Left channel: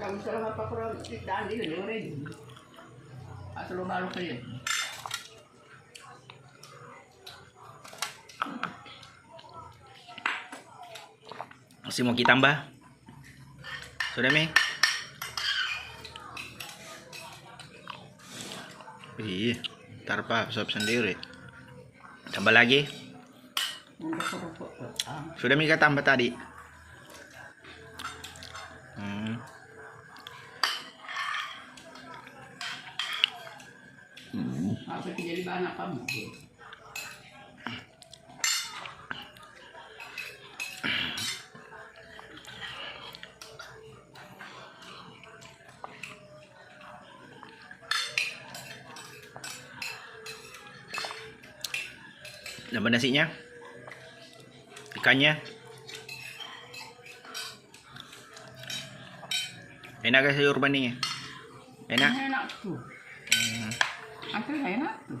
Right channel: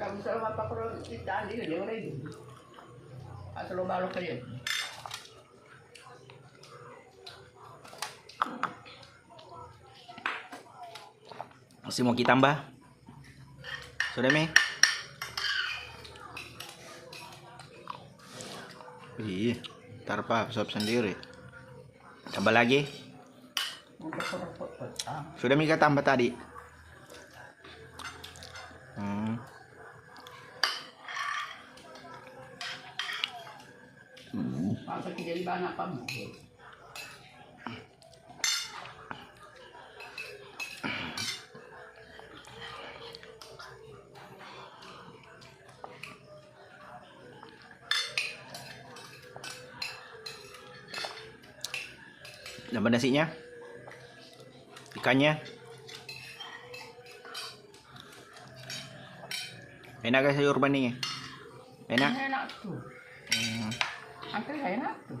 Kamu selalu apa kurang ikan di lewat ini. Atau malu kalian. Masih mau kita tambah? Sudah, Mi? Ih, ntar Pak, sop sendiri. Tambah lagi. Sudah Mi kita tambah tadi. Apa jadi banyak kamu? Tambah nasinya, ikannya. Enak gak sayur bening? Enak? Enak tuh. Angkel enak tuh.